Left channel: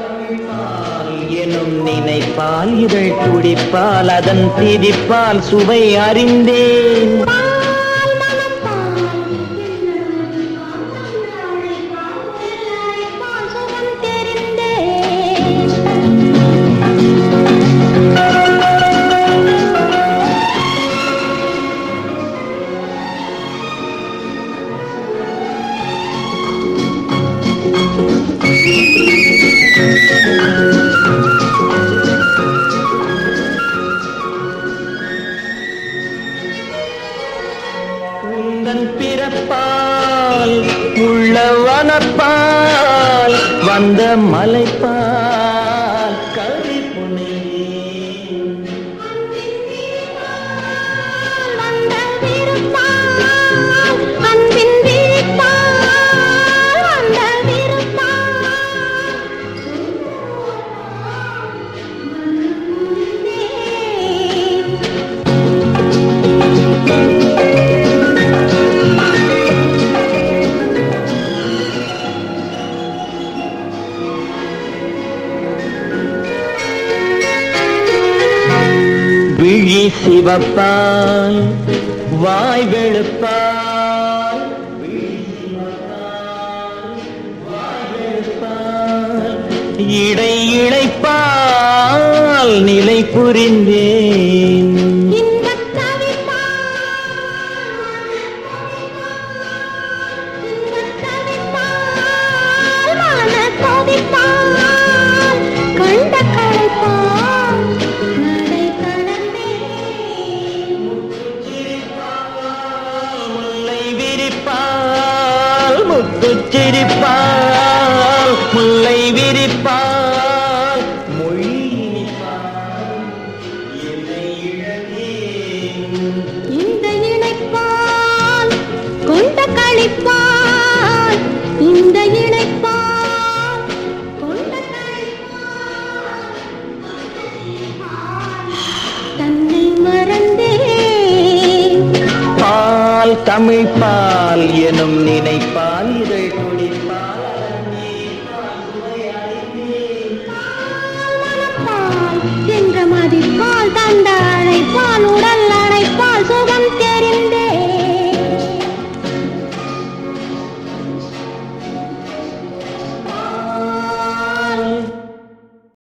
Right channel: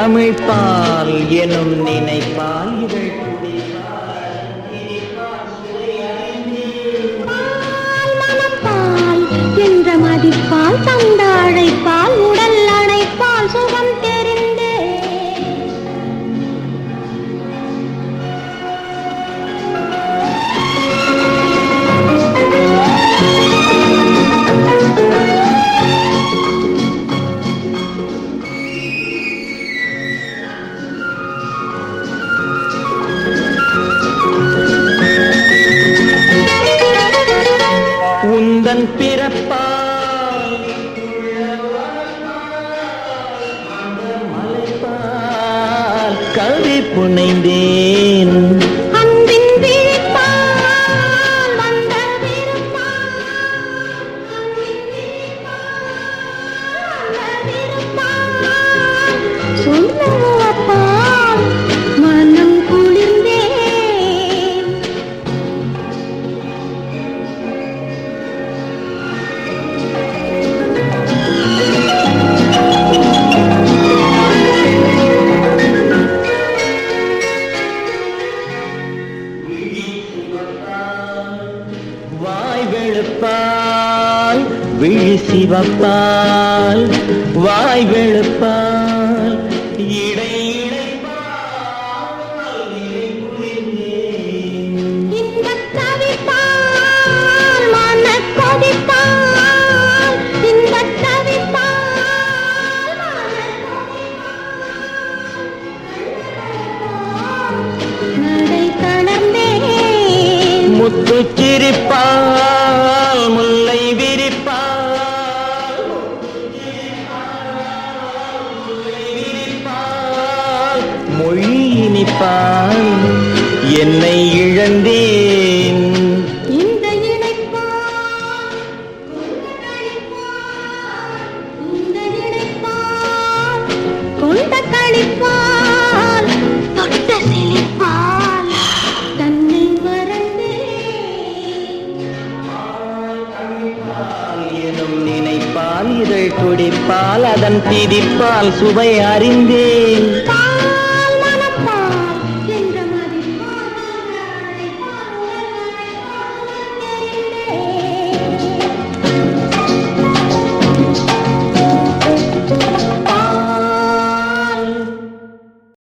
தமிழ் பால் எனும் நினைப்பால் இதழ் துடிப்பால் அதன் திதிப்பால் சுவை அறிந்தேன். பால் மனப்பால் என்ற மதிப்பால் தந்தாழைப்பால் உடல் அணைப்பால் சுகம் தெரிந்தேன். உந்தன் பிறப்பால் உள்ள வனப்பால் வந்த மலைப்பால் கவி புனைந்தேன். அன்பின் விழிப்பால் வந்த விருப்பால் அன்பின் விழிப்பால் வந்த விருப்பால் சொல்லுவப்பால் மனம் குளிர்ந்தேன். விழி சிவப்பால் வாய் வெளுப்பால் விழி சிவப்பால் வாய் வெளுப்பால் இடை இழைப்பால் நிலை புரிந்தேன். இன்பத் தவிப்பால் மனக் கொதிப்பால் இன்பத் தவிப்பால் மனக் கொதிப்பால் கண்ட களைப்பால் நடை தளர்ந்தேன். முத்துச் சிரிப்பால் முல்லை விரிப்பால் முத்துச் சிரிப்பால் முல்லை விரிப்பால் மொழி இனிப்பால் என்னை இழந்தேன். இந்த இணைப்பால் கொண்ட களிப்பால் இந்த இணைப்பால் கொண்ட களிப்பால் தொட்ட செழிப்பால் தன்னை மறந்தேன். பால் தமிழ் பால் எனும் நினைப்பால் இதழ் துடிப்பால் அதன் திதிப்பால் சுவை அறிந்தேன்.